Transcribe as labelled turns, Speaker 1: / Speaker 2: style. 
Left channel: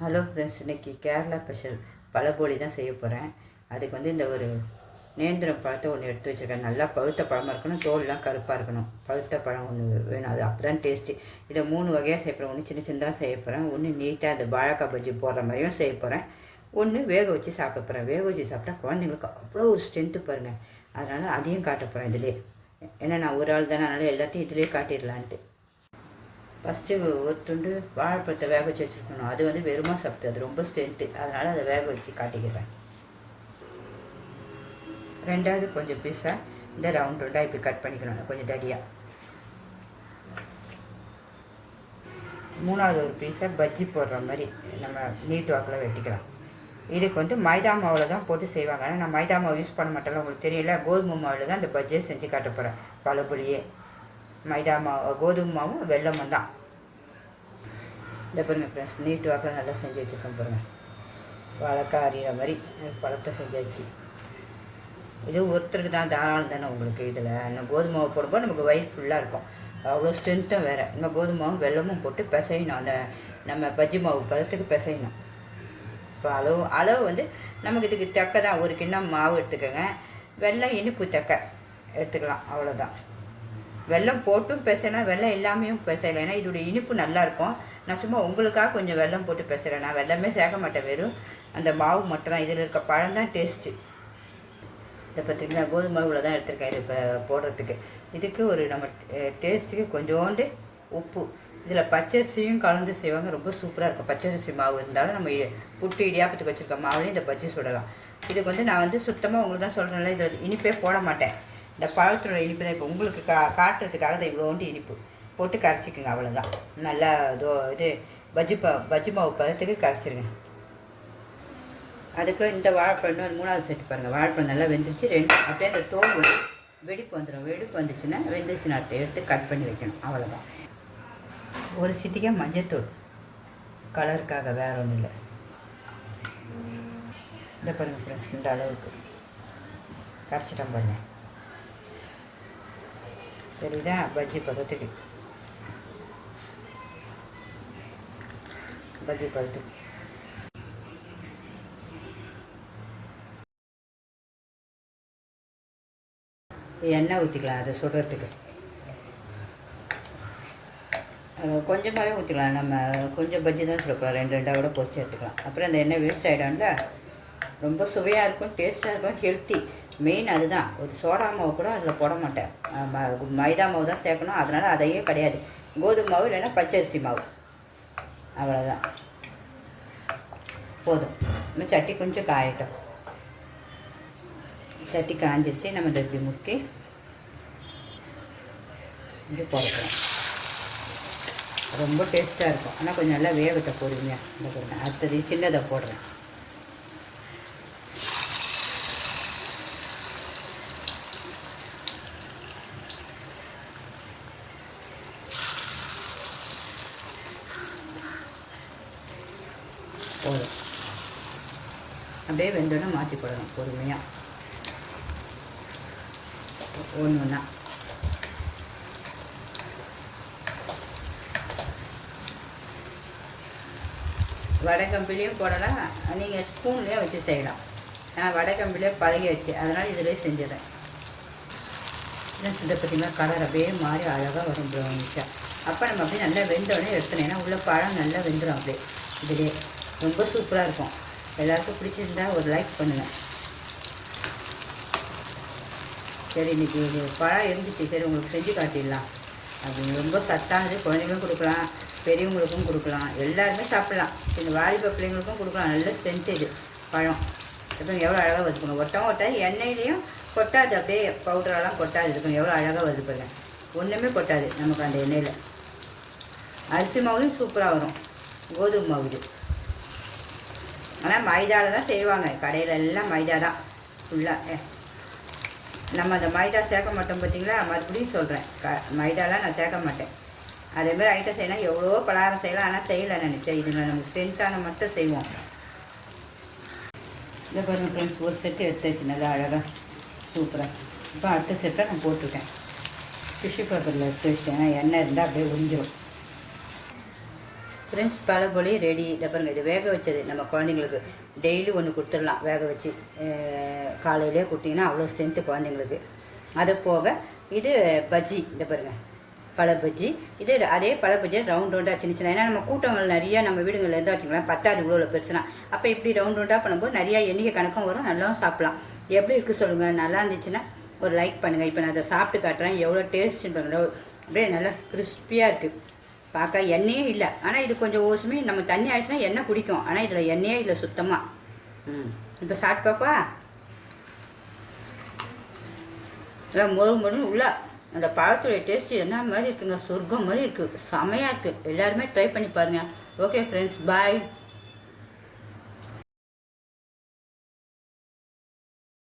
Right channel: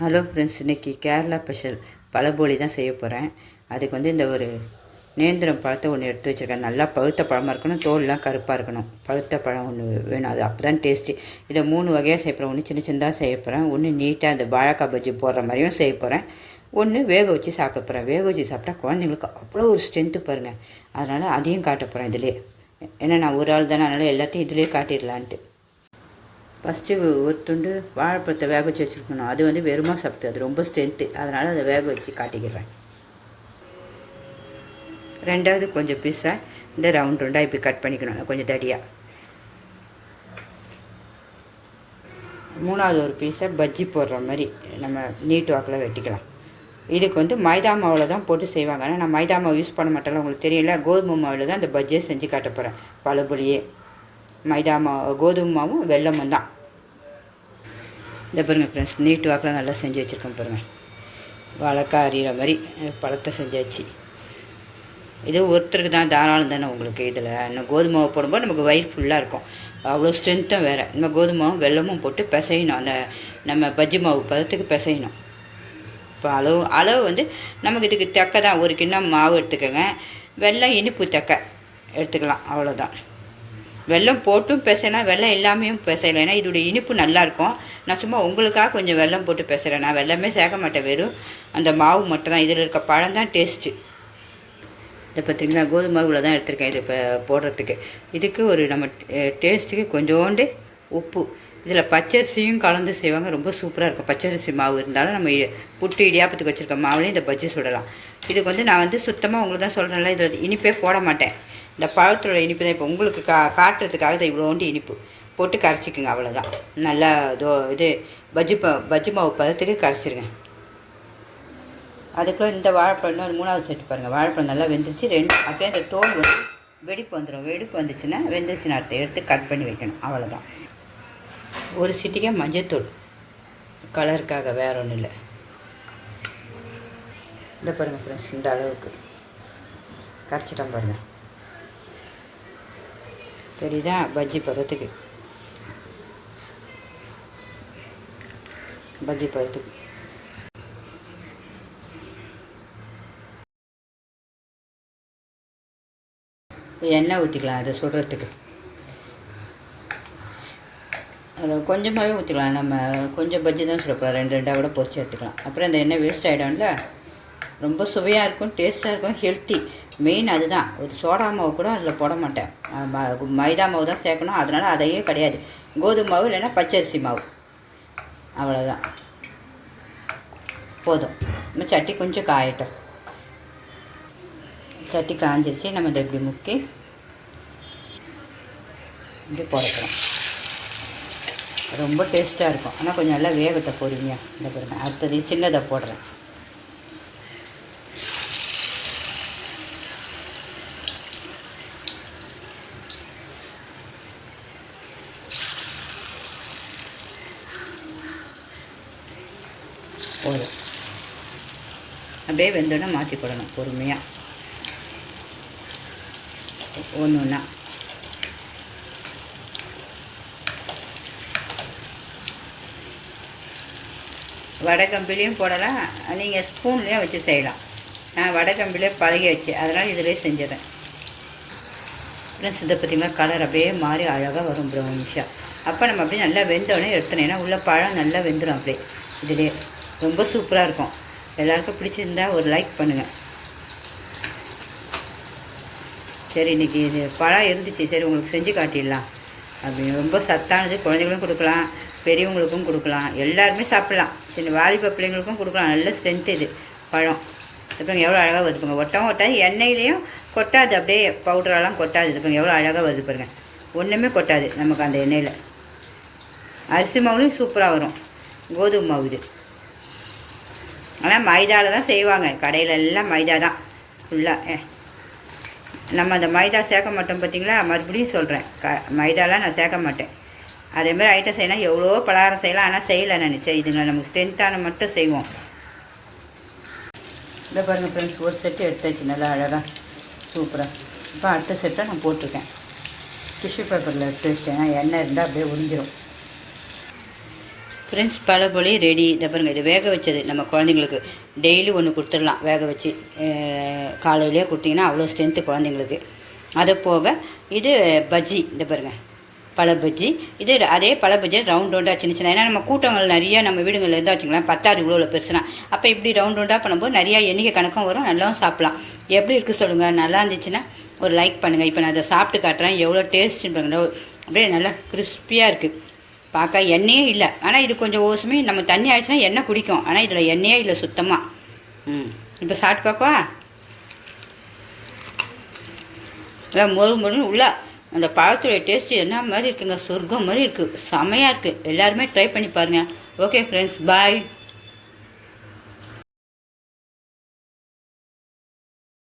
Speaker 1: Hello friends இன்றைக்கி Kerala special பழபோலி தான் செய்ய போகிறேன் அதுக்கு வந்து இந்த ஒரு நேந்திரம் பழத்தை ஒன்று எடுத்து வச்சுருக்கேன். நல்லா பழுத்த பழமாக இருக்கணும் தோல்லாம் கருப்பாக இருக்கணும். பழுத்த பழம் ஒன்று வேணும் அது அப்போ தான் டேஸ்ட்டு இதை மூணு வகையாக செய்ய போகிறேன் ஒன்று சின்ன சின்னதாக செய்ய போகிறேன் ஒன்று நீட்டாக அந்த வாழைக்காய் பஜ்ஜி போடுற மாதிரியும் செய்ய போகிறேன் ஒன்று வேக வச்சு சாப்பிட போகிறேன் வேக வச்சு சாப்பிட்டா குழந்தைங்களுக்கு அவ்வளோ ஒரு ஸ்ட்ரென்த்து பாருங்கள் அதனால் அதையும் காட்ட போகிறேன் இதிலே. ஏன்னா நான் ஒரு ஆள் தானே அதனால் எல்லாத்தையும் இதிலே காட்டிடலான்ட்டு. ஃபஸ்ட்டு ஒரு துண்டு வாழைப்பழத்தை வேக வச்சு வச்சுருக்கணும். அது வந்து வெறுமா சாப்பிட்டு அது ரொம்ப ஸ்ட்ரென்த்து அதனால் அதை வேக வச்சு காட்டிக்கிறேன். ரெண்டாவது கொஞ்சம் பீஸாக இந்த ரவுண்ட் ரவுண்டாக இப்படி கட் பண்ணிக்கணும். கொஞ்சம் தடியாக மூணாவது ஒரு பீஸை பஜ்ஜி போடுற மாதிரி நம்ம நீட் வாக்கில் வெட்டிக்கலாம். இதுக்கு வந்து மைதா மாவில் தான் போட்டு செய்வாங்க. ஆனால் நான் மைதா மாவு யூஸ் பண்ண மாட்டேன் உங்களுக்கு தெரியல கோதுமை மாவில் தான் இந்த பஜ்ஜியை செஞ்சு காட்ட போகிறேன் பழபுளியே மைதா மாவு கோதுமை மாவும் வெல்லமும் தான். இந்த பாருங்கள் ஃப்ரெண்ட்ஸ் நீட் வாக்கில் நல்லா செஞ்சு வச்சுருக்கேன் பாருங்கள் வழக்காக அறிகிற மாதிரி பழத்தை செஞ்சாச்சு. இது ஒருத்தருக்கு தான் தாராளம் தானே உங்களுக்கு இதில். இந்த கோதுமை மாவு போடும்போது நமக்கு வயிறு ஃபுல்லாக இருக்கும். அவ்வளோ ஸ்ட்ரென்த்தும் வேறு. நம்ம கோதுமாவும் வெள்ளமும் வெல்லமும் போட்டு பிசையணும். அந்த நம்ம பஜ்ஜி மாவு பதத்துக்கு பிசையணும். இப்போ அளவு அளவு வந்து நமக்கு இதுக்கு தக்க தான். ஒரு கிண்ணம் மாவு எடுத்துக்கோங்க. வெல்லம் இனிப்பு தக்க எடுத்துக்கலாம். அவ்வளோதான் வெல்லம் போட்டும் பிசைனா வெள்ளம் இல்லாமையும் பேசலை. ஏன்னா இதோடைய இனிப்பு நல்லாயிருக்கும் நான் சும்மா உங்களுக்காக கொஞ்சம் வெல்லம் போட்டு பேசுகிறேன் நான் வெல்லமே சேர்க்க மாட்டேன். வெறும் அந்த மாவு மட்டும் தான் இதில் இருக்க பழம் தான் டேஸ்ட்டு இதை பார்த்திங்கன்னா கோதுமை மாவுல தான் எடுத்திருக்கேன். இது இப்போ போடுறதுக்கு. இதுக்கு ஒரு நம்ம டேஸ்ட்டுக்கு கொஞ்சோண்டு உப்பு. இதில் பச்சரிசியும் கலந்து செய்வாங்க. ரொம்ப சூப்பராக இருக்கும். பச்சரிசி மாவு இருந்தாலும் நம்ம இ- புட்டு இடியாப்பத்துக்கு வச்சுருக்க மாவுலையும் இதை பஜ்ஜி சுடலாம். இதுக்கு வந்து நான் வந்து சுத்தமாக உங்களுக்கு தான் சொல்கிறேன்ல இதில் இனிப்பே போட மாட்டேன். இந்த பழத்தோட இனிப்பு தான். இப்போ உங்களுக்கு கா காட்டுறதுக்காக தான் இவ்வளோண்டு இனிப்பு போட்டு கரைச்சிக்குங்க அவ்வளோதான் நல்லா இதோ இது பஜ்ஜி ப பஜ்ஜி மாவு பதத்துக்கு கரைச்சிருங்க. அதுக்குள்ளே இந்த வாழைப்பழம் ஒரு மூணாவது செட்டு பாருங்கள் வாழைப்பழம் நல்லா வெந்துச்சு ரெண்டு அப்படியே அந்த தோல் வந்து வெடிப்பு வந்துடும் வெடிப்பு வந்துச்சுன்னா வெந்துச்சுன்னா அடுத்த எடுத்து கட் பண்ணி வைக்கணும். அவ்வளோதான் ஒரு சிட்டிக்கே மஞ்சத்தூள். கலருக்காக வேற ஒன்றும் இல்லை. இந்த பாருங்கள் ஃப்ரெண்ட்ஸ் இந்த அளவுக்கு. கரைச்சிட்டோம் பாருங்கள் தெரியுதா? பஜ்ஜி பதத்துக்கு. பஜ்ஜி பதத்துக்கு. எண்ணெய் ஊற்றிக்கலாம் அதை சுடுறதுக்கு. கொஞ்சமாகவே ஊற்றிக்கலாம் நம்ம கொஞ்சம் பஜ்ஜி தான் சுடக்கூடாது. ரெண்டு ரெண்டாக கூட பொறிச்சு எடுத்துக்கலாம். அப்புறம் இந்த எண்ணெய் வேஸ்ட் ஆகிடும்ல ரொம்ப சுவையாக இருக்கும் டேஸ்ட்டாக இருக்கும் ஹெல்த்தி மெயின் அதுதான். ஒரு சோடா மாவு கூட அதில் போட மாட்டேன். மைதா மாவு தான் சேர்க்கணும். அதனால் அதையே கிடையாது. கோதுமை மாவு இல்லைன்னா பச்சரிசி மாவு. அவ்வளோதான் போதும். இன்னும் சட்டி கொஞ்சம் காயட்டும். சட்டி காஞ்சிருச்சு. நம்ம இதை இப்படி முக்கி இப்படி போடக்கலாம் ரொம்ப டேஸ்ட்டாக இருக்கும். ஆனால் கொஞ்சம் நல்லா வேகத்தை போடுவீங்க இந்த பாருங்க அடுத்தது சின்னதை போடுறேன். போதும். அப்படியே வெந்தோடனே மாற்றி போடணும் பொறுமையாக ஒன்று ஒன்றா வடகம்பிலையும் போடலாம். நீங்கள் ஸ்பூன்லேயும் வச்சு செய்யலாம். நான் வடகம்பிலே பழகியாச்சு. அதனால் இதிலே செஞ்சிடறேன். ஃப்ரெண்ட்ஸ் இதை பார்த்தீங்கன்னா கலர் அப்படியே மாறி அழகாக வரும் ப்ரௌனிஷாக அப்போ நம்ம அப்படியே நல்லா வெந்தோடனே எடுத்துனேன்னா ஏன்னா உள்ள பழம் நல்லா வெந்துடும் அப்படியே. இதிலே ரொம்ப சூப்பராக இருக்கும். எல்லாருக்கும் பிடிச்சிருந்தா ஒரு லைக் பண்ணுங்கள் சரி இன்னைக்கு இது பழம் இருந்துச்சு. சரி உங்களுக்கு செஞ்சு காட்டிடலாம். அப்படின்னு ரொம்ப சத்தானது. குழந்தைங்களுக்கும் கொடுக்கலாம். பெரியவங்களுக்கும் கொடுக்கலாம். எல்லாருமே சாப்பிட்லாம். சின்ன வாலிப பிள்ளைங்களுக்கும் கொடுக்கலாம். நல்ல ஸ்ட்ரென்த் இது பழம். இப்போ எவ்வளோ அழகாக வருது பாருங்க. ஒட்டவும் ஒட்டாது. எண்ணெயிலையும் கொட்டாது. அப்படியே பவுடரெல்லாம் கொட்டாது. இதுக்கு எவ்வளோ அழகாக வருது பாருங்கள் ஒன்றுமே கொட்டாது நமக்கு அந்த எண்ணெயில். அரிசி மாவுலையும் சூப்பராக வரும். கோதுமை மாவு இது. ஆனால் மைதாவில் தான் செய்வாங்க. கடையில் எல்லாம் மைதா தான். ஃபுல்லாக நம்ம அந்த மைதா சேர்க்க மாட்டோம் பார்த்தீங்களா மறுபடியும் சொல்கிறேன் க மைதாலாம் நான் சேர்க்க மாட்டேன். அதேமாதிரி ஐட்டம் செய்யலாம் எவ்வளோ பலகாரம் செய்யலாம். ஆனால் செய்யலை நினச்சேன் இதுங்களை நமக்கு ஸ்ட்ரென்த்தான மட்டும் செய்வோம். இந்த பாருங்கள் ஃப்ரெண்ட்ஸ் ஒரு செட்டு எடுத்தாச்சு. நல்லா அழகாக சூப்பராக இப்போ அடுத்த செட்டை நான் போட்டிருக்கேன். டிஷ்யூ பேப்பரில் எடுத்து வச்சிட்டேன். எண்ணெய் இருந்தால் அப்படியே உறிஞ்சிரும். ஃப்ரெண்ட்ஸ் பழபொழி ரெடி இதை இது வேக வச்சது நம்ம குழந்தைங்களுக்கு. டெய்லி ஒன்று கொடுத்துடலாம் வேக வச்சு. காலையிலே கொடுத்தீங்கன்னா அவ்வளோ ஸ்ட்ரென்த்து குழந்தைங்களுக்கு. அதை போக இது பஜ்ஜி இந்த பாருங்க. பழ பஜ்ஜி. இது அதே பழ பஜ்ஜி ரவுண்ட் ரவுண்டாக சின்ன சின்ன. ஏன்னா நம்ம கூட்டங்கள் நிறையா நம்ம வீடுகளில் இருந்தால் வச்சுக்கலாம் பத்தாது இவ்வளோ பெருசுனா. அப்போ இப்படி ரவுண்ட் ரவுண்டாக பண்ணும்போது நிறையா எண்ணிக்கை கணக்கும் வரும் நல்லாவும் சாப்பிட்லாம். எப்படி இருக்குது சொல்லுங்கள் நல்லா இருந்துச்சுன்னா ஒரு லைக் பண்ணுங்கள் இப்போ நான் அதை சாப்பிட்டு காட்டுறேன். எவ்வளோ டேஸ்ட்டுன்னு பாருங்கள் அப்படியே நல்லா கிறிஸ்பியாக இருக்குது பார்க்க எண்ணெயே இல்லை. ஆனால் இது கொஞ்சம் ஓசுமே நம்ம தண்ணி ஆயிடுச்சுன்னா எண்ணெய் குடிக்கும். ஆனால் இதில் எண்ணெயே இல்லை சுத்தமாக ம். இப்போ சாப்பிட்டு பார்ப்பா எல்லாம் மொறு மொறுன்னு உள்ள அந்த பழத்துடைய டேஸ்ட் என்ன மாதிரி இருக்குங்க? சொர்க்கம் மாதிரி இருக்குது செமையாக இருக்குது எல்லாருமே ட்ரை பண்ணி பாருங்கள் ஓகே ஃப்ரெண்ட்ஸ் பாய்